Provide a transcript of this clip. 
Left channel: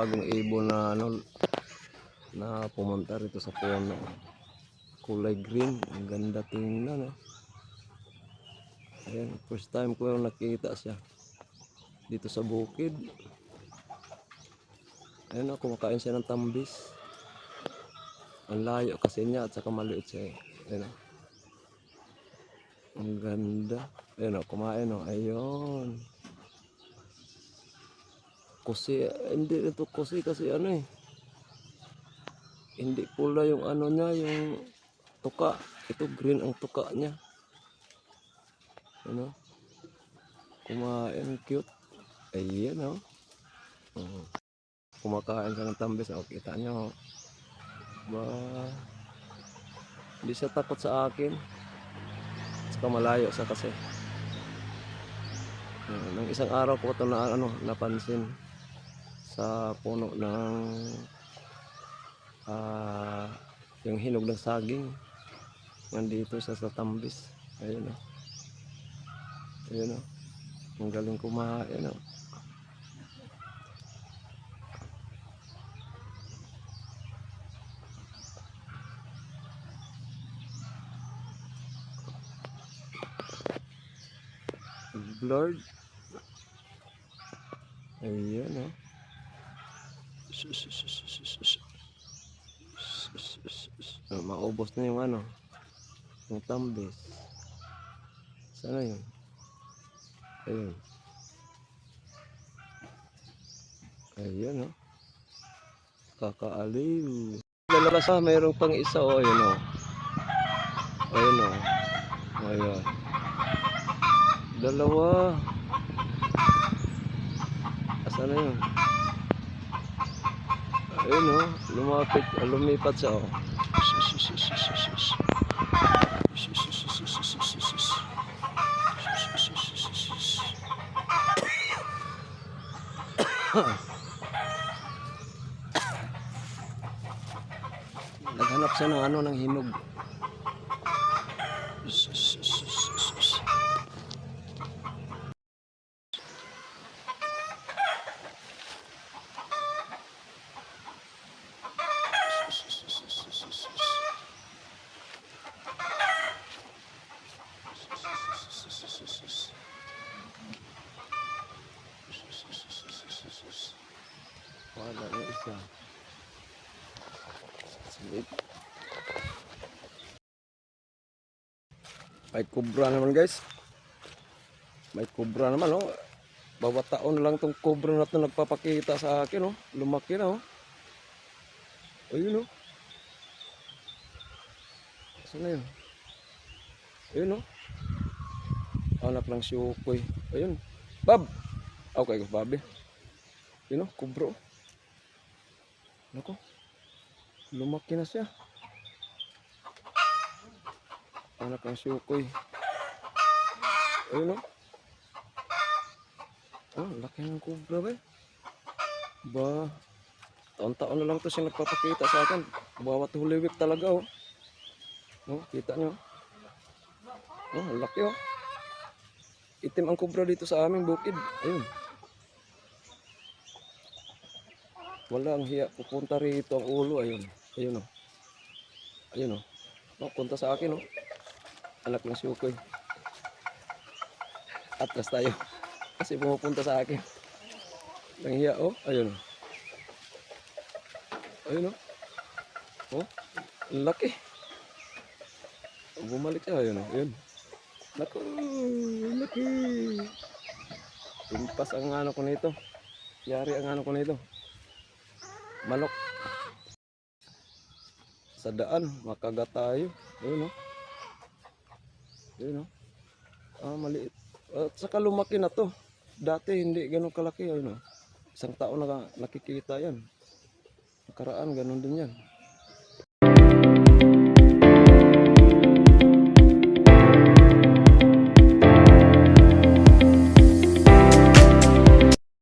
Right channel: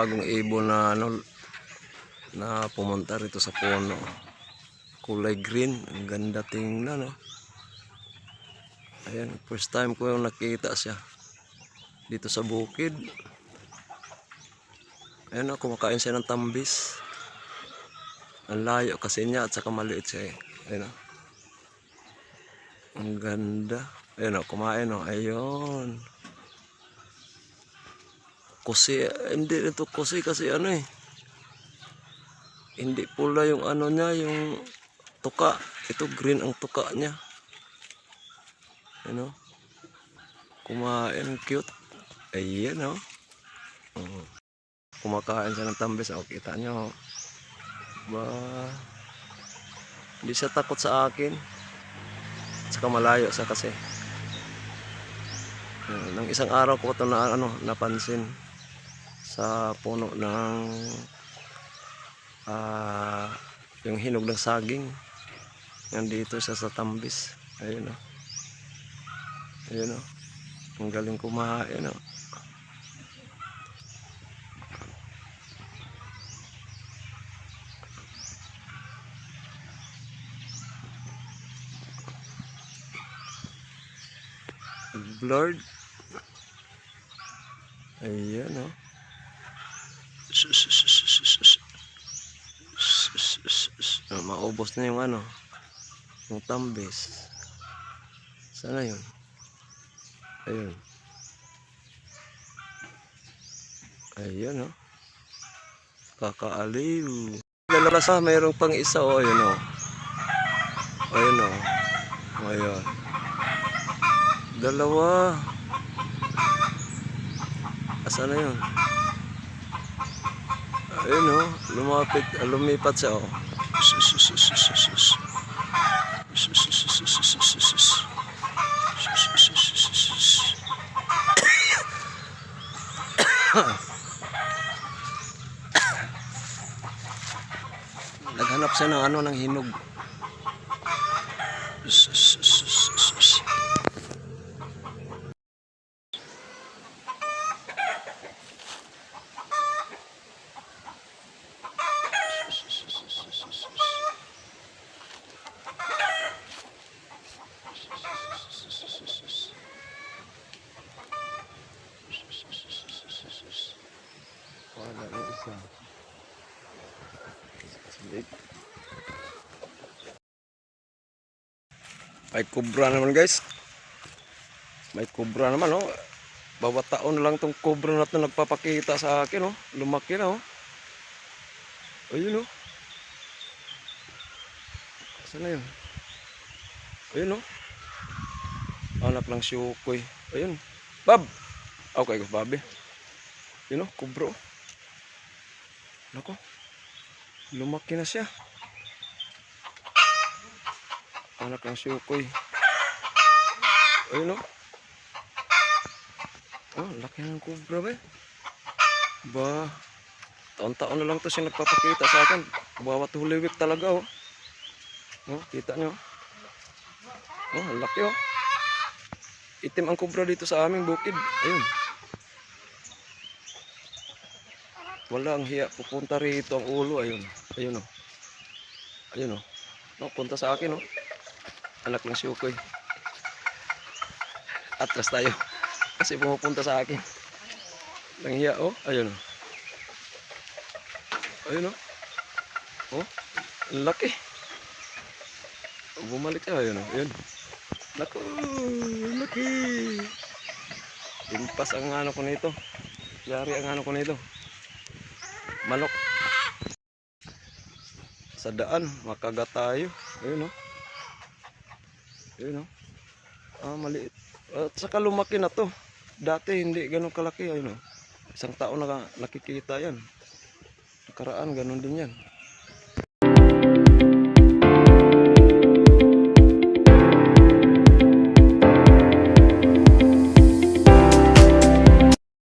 Bagong ibon na ano na pumunta rito sa puno. Kulay green, ang ganda tingnan no. Ayan, first time ko yung nakita siya dito sa bukid. Ayan o, kumakain siya ng tambis. Ang layo kasi niya at saka maliit siya eh. Ayan o. Ang ganda. Ayan o, kumain o. Ayun. Kusi, hindi ito kusi kasi ano eh. Hindi pula yung ano niya, yung tuka. Ito green ang tuka niya. Ano? Kumain, cute. Ayan. Oh. Kumakain siya ng tambis. O, kita nyo. Ba, hindi siya takot sa akin. Saka malayo sa kasi. Nang isang araw ko ito na ano, napansin sa puno ng ah yung hinog ng saging. Nandito siya sa tambis. Ayun o. Ayun o. Ang galing kumain o. Blurred. Ayan o. Ah, maubos na yung ano. Yung tambis. Sana yun? Ayun. Ayun o. Kakaaliw. Lalabas na mayroong pang isa o. Ayun o. Ayun o. Ayun. Dalawa. Asa na yun? Ayun o. Lumapit. ah, Lumipat siya o. Naghanap siya ng ano ng hinog. Wala na isa. Sige. May kubra naman guys. May kubra naman oh. Bawat taon lang tong kubra na to nagpapakita sa akin oh. Lumaki na oh. Ayun oh. Saan na yun? Ayun oh. Anak lang si Ukoy. Ayun. Bab! Okay, Babi. Yun oh, kubro. Nako. Lumaki na siya. Anak ng syukoy. Ayun oh. Oh, laki ng kubra ba? Ba, taon-taon na lang to siya nagpapakita sa akin. Bawat Week talaga oh. Oh, kita nyo. Oh, laki oh. Itim ang kubra dito sa aming bukid. Ayun. Wala ang hiya. Pupunta rito ang ulo. Ayun. Ayun o. Ayun o. No, punta sa akin o. Anak ng siyukoy. Atras tayo. Kasi pumupunta sa akin. Ang hiya o. Ayun o. Ayun o. Oh. Ang laki. Bumalik siya. Ayun o. Ayun. Naku. Laki. Impas ang ano ko nito. Yari ang ano ko nito manok. Sa daan makagat tayo. Ayun oh. Ayun oh. Ah maliit. At saka lumaki na to. Dati hindi ganun kalaki ayun oh. Isang taon na nakikita yan. Nakaraan ganun din yan